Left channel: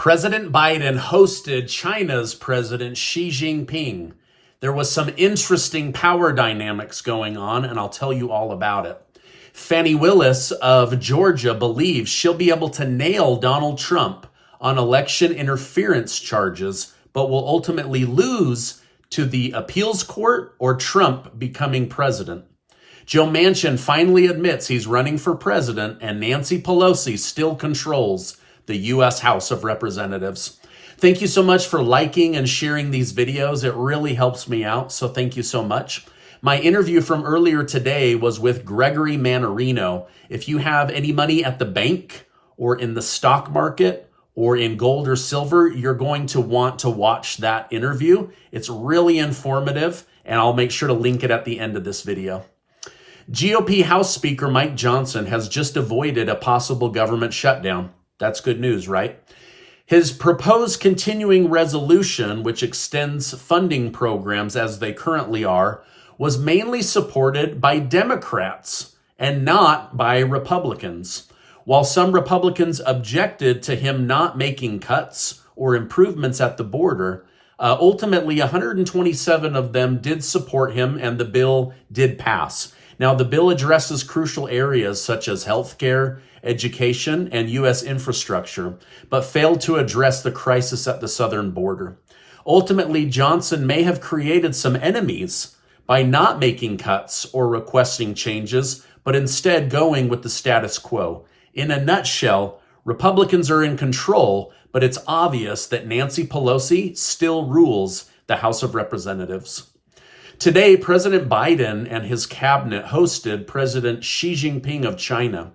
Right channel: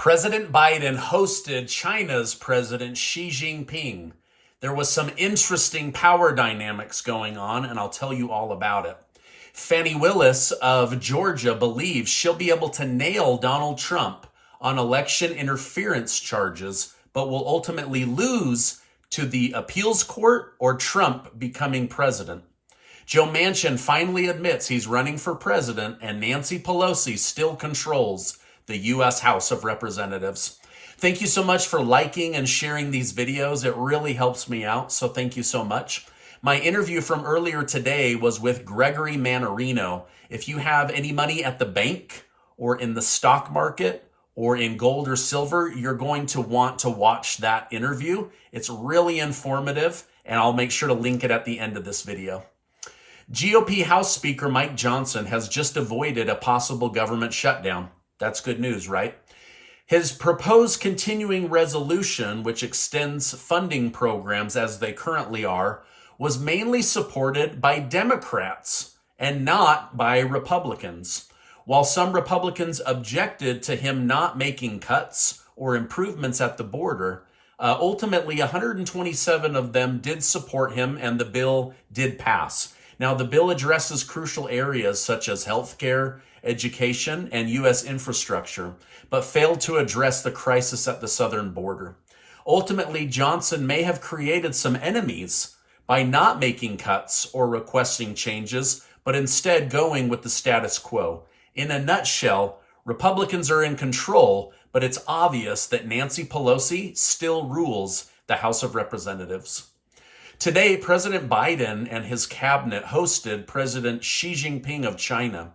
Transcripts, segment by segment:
President Biden hosted China's President Xi Jinping. There was some interesting power dynamics going on, and I'll tell you all about it. Fani Willis of Georgia believes she'll be able to nail Donald Trump on election interference charges, but will ultimately lose to the appeals court or Trump becoming president. Joe Manchin finally admits he's running for president, and Nancy Pelosi still controls the U.S. House of Representatives. Thank you so much for liking and sharing these videos. It really helps me out, so thank you so much. My interview from earlier today was with Gregory Mannarino. If you have any money at the bank or in the stock market or in gold or silver, you're going to want to watch that interview. It's really informative, and I'll make sure to link it at the end of this video. GOP House Speaker Mike Johnson has just avoided a possible government shutdown. That's good news, right? His proposed continuing resolution, which extends funding programs as they currently are, was mainly supported by Democrats and not by Republicans. While some Republicans objected to him not making cuts or improvements at the border, ultimately 127 of them did support him, and the bill did pass. Now, the bill addresses crucial areas such as healthcare, education, and U.S. infrastructure, but failed to address the crisis at the southern border. Ultimately, Johnson may have created some enemies by not making cuts or requesting changes, but instead going with the status quo. In a nutshell, Republicans are in control, but it's obvious that Nancy Pelosi still rules the House of Representatives. Today, President Biden and his cabinet hosted President Xi Jinping of China.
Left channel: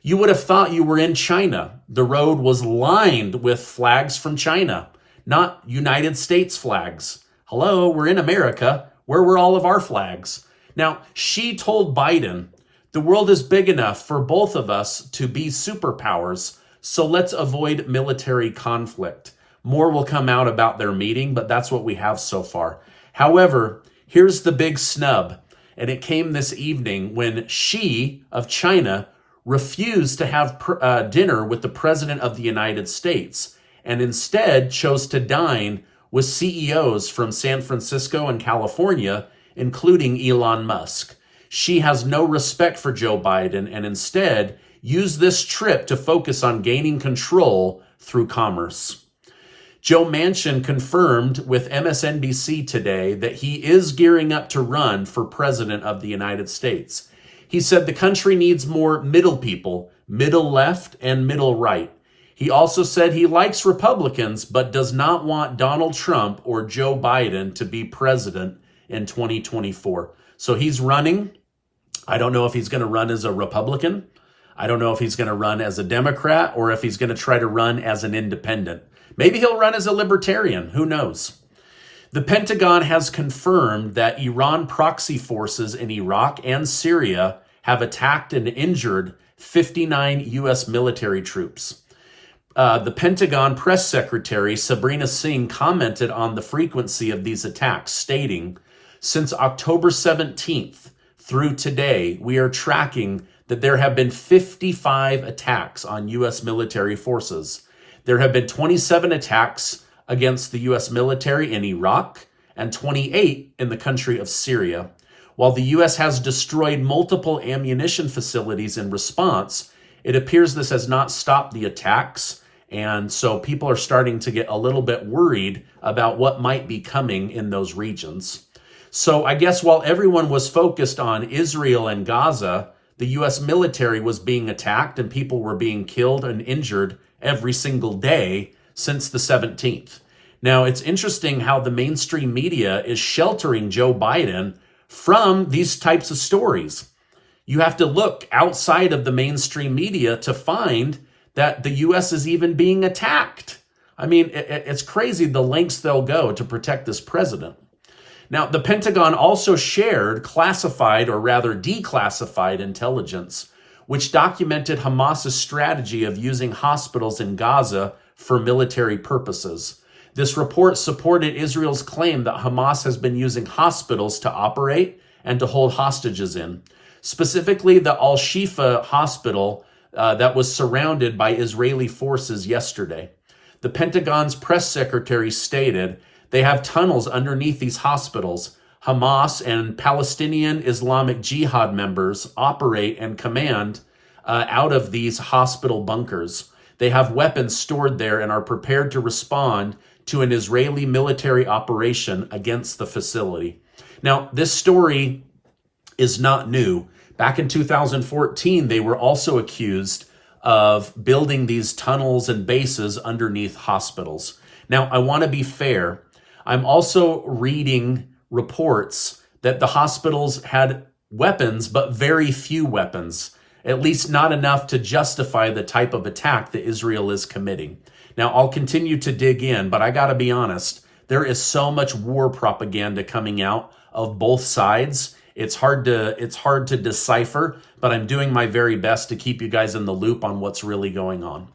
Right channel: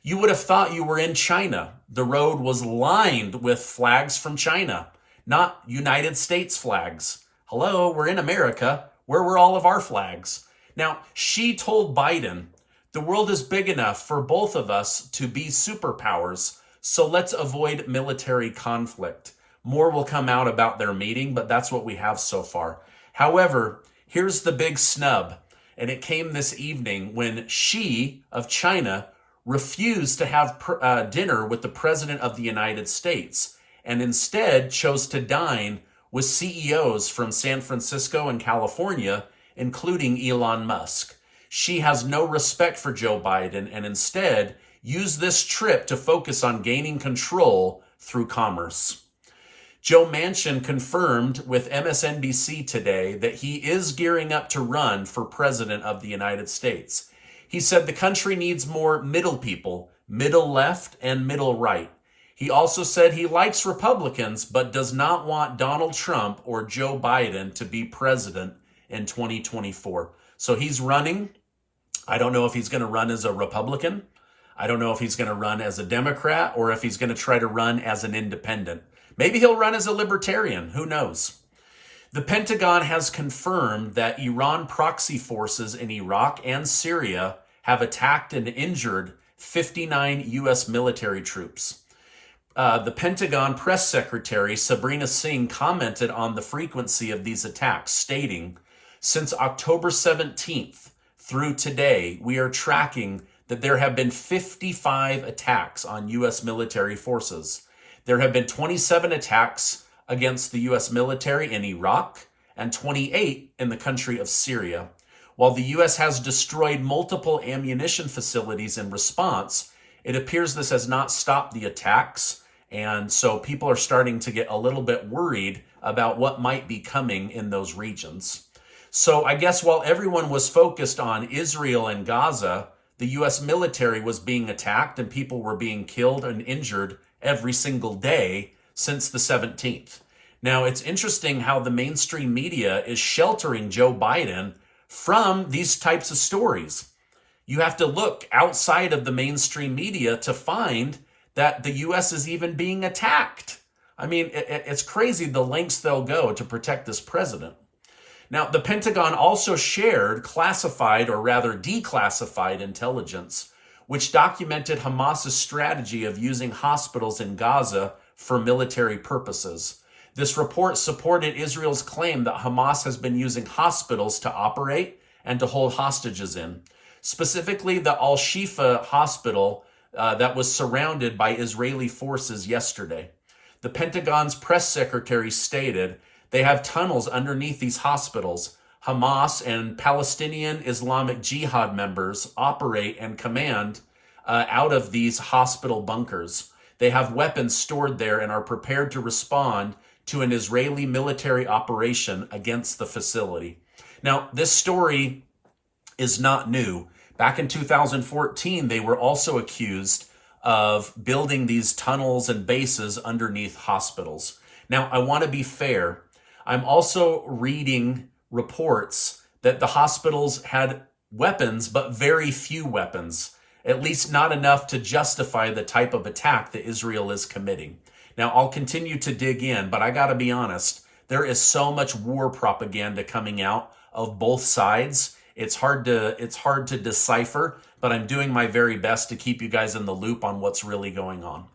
You would have thought you were in China. The road was lined with flags from China, not United States flags. Hello, we're in America. Where were all of our flags? Now, Xi told Biden, the world is big enough for both of us to be superpowers, so let's avoid military conflict. More will come out about their meeting, but that's what we have so far. However, here's the big snub, and it came this evening when Xi of China refused to have dinner with the President of the United States and instead chose to dine with CEOs from San Francisco and California, including Elon Musk. Xi has no respect for Joe Biden and instead used this trip to focus on gaining control through commerce. Joe Manchin confirmed with MSNBC today that he is gearing up to run for president of the United States. He said the country needs more middle people, middle left and middle right. He also said he likes Republicans, but does not want Donald Trump or Joe Biden to be president in 2024. So he's running. I don't know if he's going to run as a Republican. I don't know if he's going to run as a Democrat or if he's going to try to run as an independent. Maybe he'll run as a libertarian. Who knows? The Pentagon has confirmed that Iran-proxy forces in Iraq and Syria have attacked and injured 59 U.S. military troops. The Pentagon press secretary, Sabrina Singh, commented on the frequency of these attacks, stating, since October 17th through today, we are tracking that there have been 55 attacks on U.S. military forces. There have been 27 attacks against the U.S. military in Iraq and 28 in the country of Syria. While the U.S. has destroyed multiple ammunition facilities in response, it appears this has not stopped the attacks, and so people are starting to get a little bit worried about what might be coming in those regions. So I guess while everyone was focused on Israel and Gaza, the U.S. military was being attacked and people were being killed and injured every single day since the 17th. Now, it's interesting how the mainstream media is sheltering Joe Biden from these types of stories. You have to look outside of the mainstream media to find that the U.S. is even being attacked. I mean, it's crazy the lengths they'll go to protect this president. Now, the Pentagon also shared classified, or rather declassified intelligence, which documented Hamas's strategy of using hospitals in Gaza for military purposes. This report supported Israel's claim that Hamas has been using hospitals to operate and to hold hostages in. Specifically, the Al-Shifa hospital that was surrounded by Israeli forces yesterday. The Pentagon's press secretary stated they have tunnels underneath these hospitals. Hamas and Palestinian Islamic Jihad members operate and command out of these hospital bunkers. They have weapons stored there and are prepared to respond to an Israeli military operation against the facility. Now, this story is not new. Back in 2014, they were also accused of building these tunnels and bases underneath hospitals. Now, I want to be fair. I'm also reading reports that the hospitals had weapons, but very few weapons, at least not enough to justify the type of attack that Israel is committing. Now, I'll continue to dig in, but I got to be honest, there is so much war propaganda coming out of both sides. It's hard to decipher, but I'm doing my very best to keep you guys in the loop on what's really going on.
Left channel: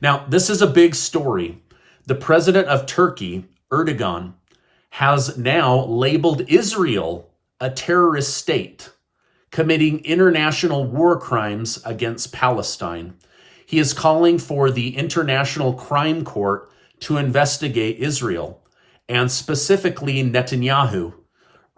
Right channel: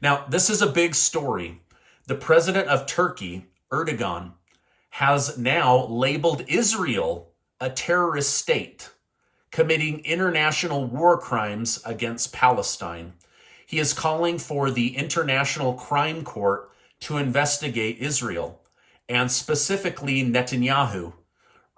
Now, this is a big story. The president of Turkey, Erdogan, has now labeled Israel a terrorist state, committing international war crimes against Palestine. He is calling for the International Crime Court to investigate Israel, and specifically Netanyahu.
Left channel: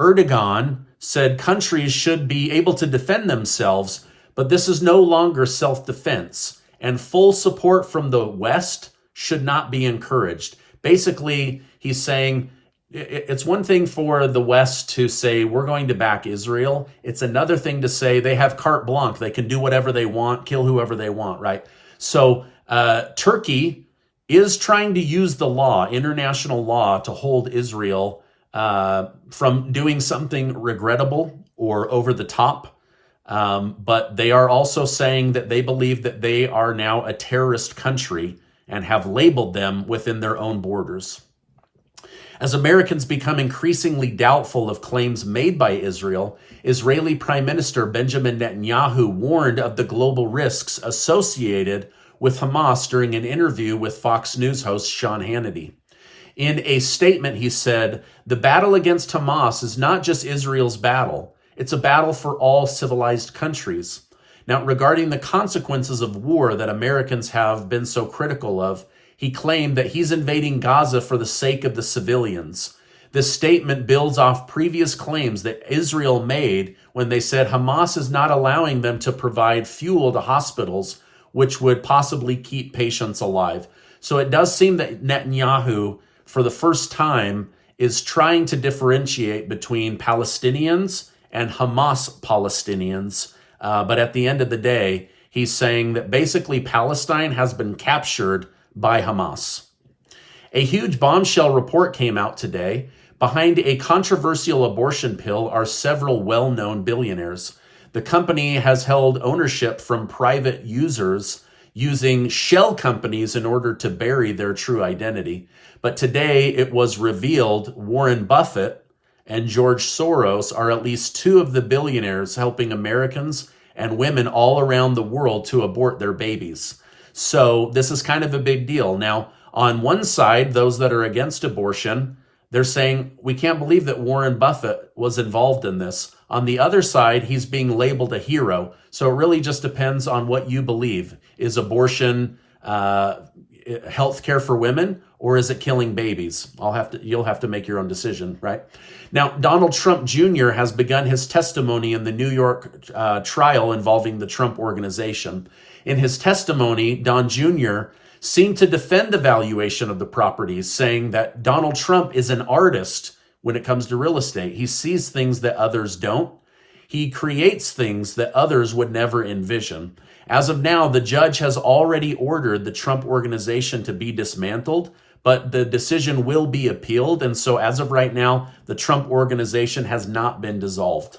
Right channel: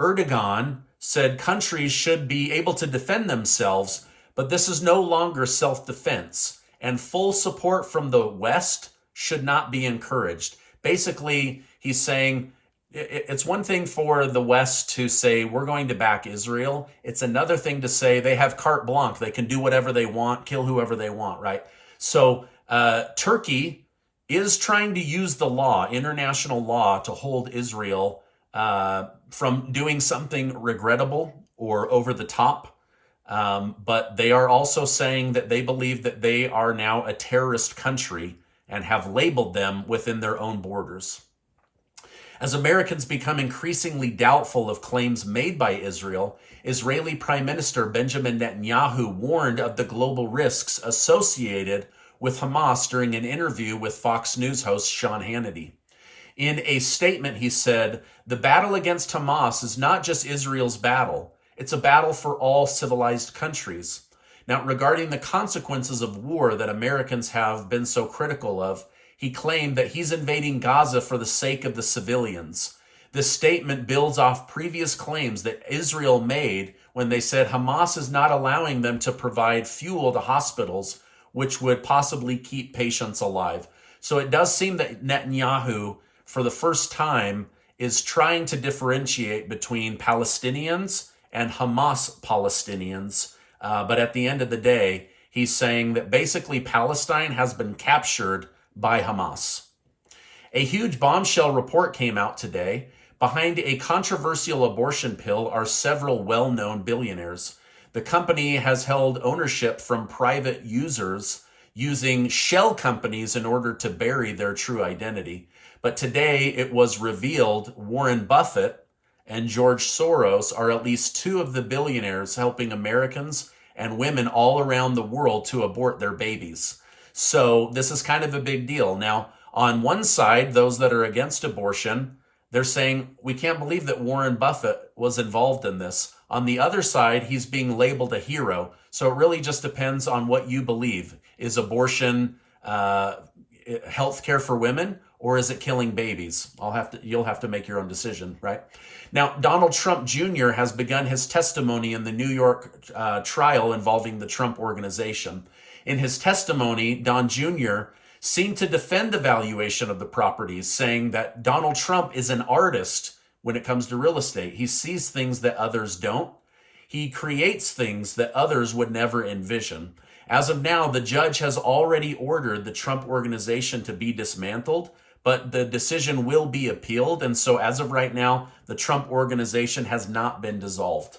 Erdogan said countries should be able to defend themselves, but this is no longer self-defense, and full support from the West should not be encouraged. Basically, he's saying it's one thing for the West to say, we're going to back Israel. It's another thing to say they have carte blanche. They can do whatever they want, kill whoever they want, right? So Turkey is trying to use the law, international law, to hold Israel from doing something regrettable or over the top. But they are also saying that they believe that they are now a terrorist country and have labeled them within their own borders. As Americans become increasingly doubtful of claims made by Israel, Israeli Prime Minister Benjamin Netanyahu warned of the global risks associated with Hamas during an interview with Fox News host Sean Hannity. In a statement, he said, "The battle against Hamas is not just Israel's battle. It's a battle for all civilized countries." Now, regarding the consequences of war that Americans have been so critical of, he claimed that he's invading Gaza for the sake of the civilians. This statement builds off previous claims that Israel made when they said Hamas is not allowing them to provide fuel to hospitals, which would possibly keep patients alive. So it does seem that Netanyahu, for the first time, is trying to differentiate between Palestinians and Hamas Palestinians. But at the end of the day, he's saying that basically Palestine has been captured by Hamas. A huge bombshell report came out today. Behind a controversial abortion pill are several well-known billionaires. The company has held ownership from private users using shell companies in order to bury their true identity. But today it was revealed Warren Buffett and George Soros are at least two of the billionaires helping Americans and women all around the world to abort their babies. So this is kind of a big deal. Now, on one side, those that are against abortion, they're saying, we can't believe that Warren Buffett was involved in this. On the other side, he's being labeled a hero. So it really just depends on what you believe. Is abortion health care for women, or is it killing babies? You'll have to make your own decision, right? Now, Donald Trump Jr. has begun his testimony in the New York trial involving the Trump Organization. In his testimony, Don Jr. seemed to defend the valuation of the properties, saying that Donald Trump is an artist when it comes to real estate. He sees things that others don't. He creates things that others would never envision. As of now, the judge has already ordered the Trump Organization to be dismantled, but the decision will be appealed. And so as of right now, the Trump Organization has not been dissolved.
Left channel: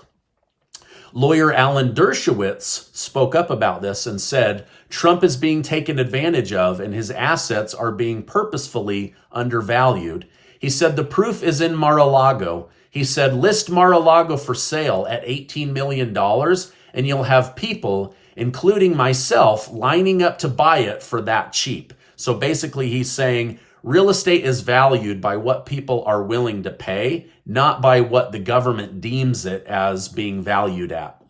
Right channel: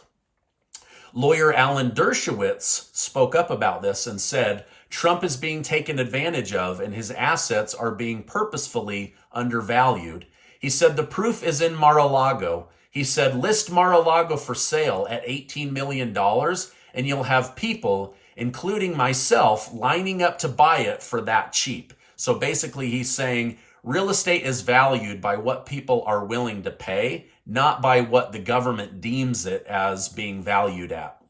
Lawyer Alan Dershowitz spoke up about this and said, Trump is being taken advantage of and his assets are being purposefully undervalued. He said, the proof is in Mar-a-Lago. He said, list Mar-a-Lago for sale at $18 million and you'll have people, including myself, lining up to buy it for that cheap. So basically he's saying real estate is valued by what people are willing to pay, not by what the government deems it as being valued at.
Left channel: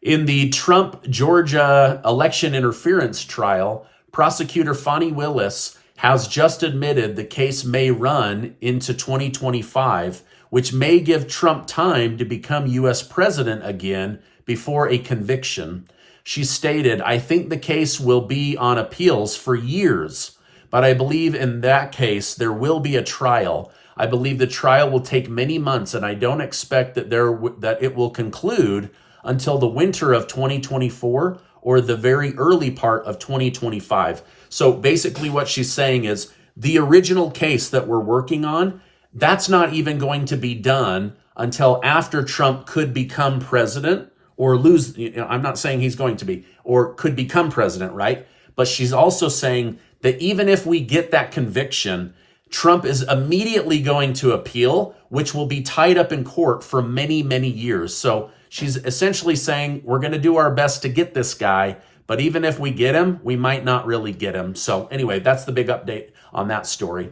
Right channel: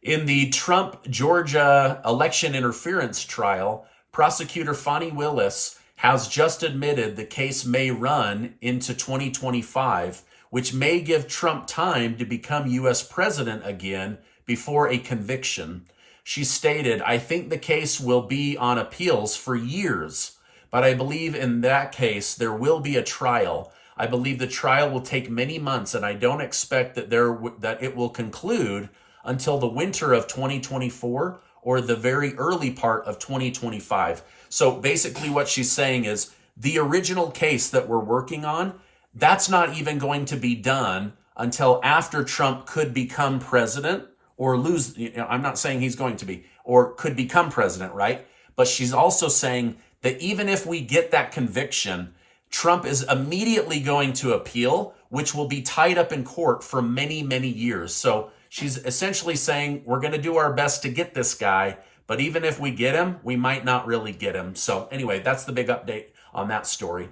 In the Trump Georgia election interference trial, prosecutor Fani Willis has just admitted the case may run into 2025, which may give Trump time to become U.S. president again before a conviction. She stated, "I think the case will be on appeals for years, but I believe in that case there will be a trial. I believe the trial will take many months, and I don't expect that it will conclude until the winter of 2024 or the very early part of 2025. So basically what she's saying is the original case that we're working on, that's not even going to be done until after Trump could become president or lose. I'm not saying he's going to be, or could become president, right? But she's also saying that even if we get that conviction, Trump is immediately going to appeal, which will be tied up in court for many, many years. So she's essentially saying we're going to do our best to get this guy, but even if we get him, we might not really get him. So anyway, that's the big update on that story.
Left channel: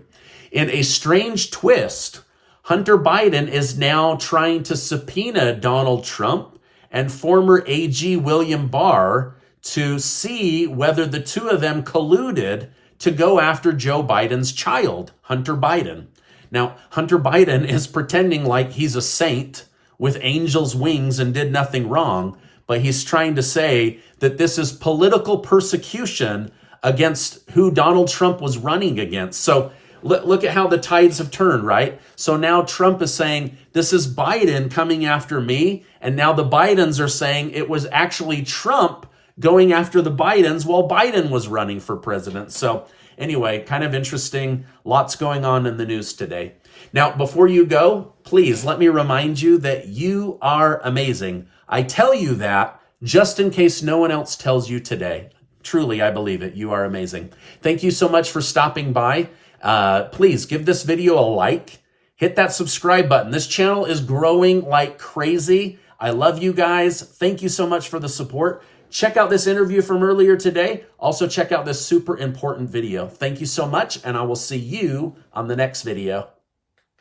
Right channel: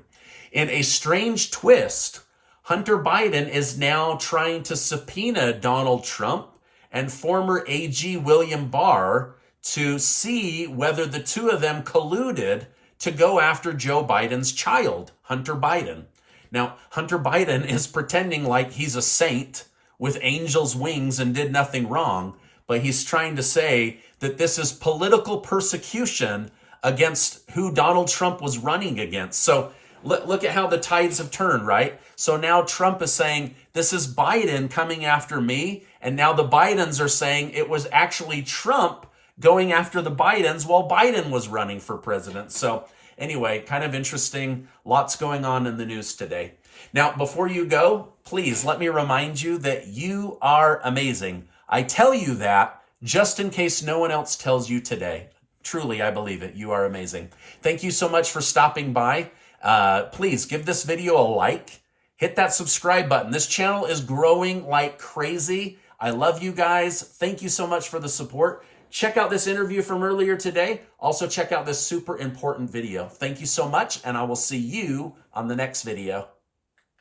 In a strange twist, Hunter Biden is now trying to subpoena Donald Trump and former AG William Barr to see whether the two of them colluded to go after Joe Biden's child, Hunter Biden. Now, Hunter Biden is pretending like he's a saint with angel's wings and did nothing wrong, but he's trying to say that this is political persecution against who Donald Trump was running against. So look at how the tides have turned, right? So now Trump is saying, this is Biden coming after me, and now the Bidens are saying it was actually Trump going after the Bidens while Biden was running for president. So anyway, kind of interesting. Lots going on in the news today. Now, before you go, please let me remind you that you are amazing. I tell you that just in case no one else tells you today. Truly, I believe it. You are amazing. Thank you so much for stopping by. Please give this video a like. Hit that subscribe button. This channel is growing like crazy. I love you guys. Thank you so much for the support. Check out this interview from earlier today. Also check out this super important video. Thank you so much, and I will see you on the next video.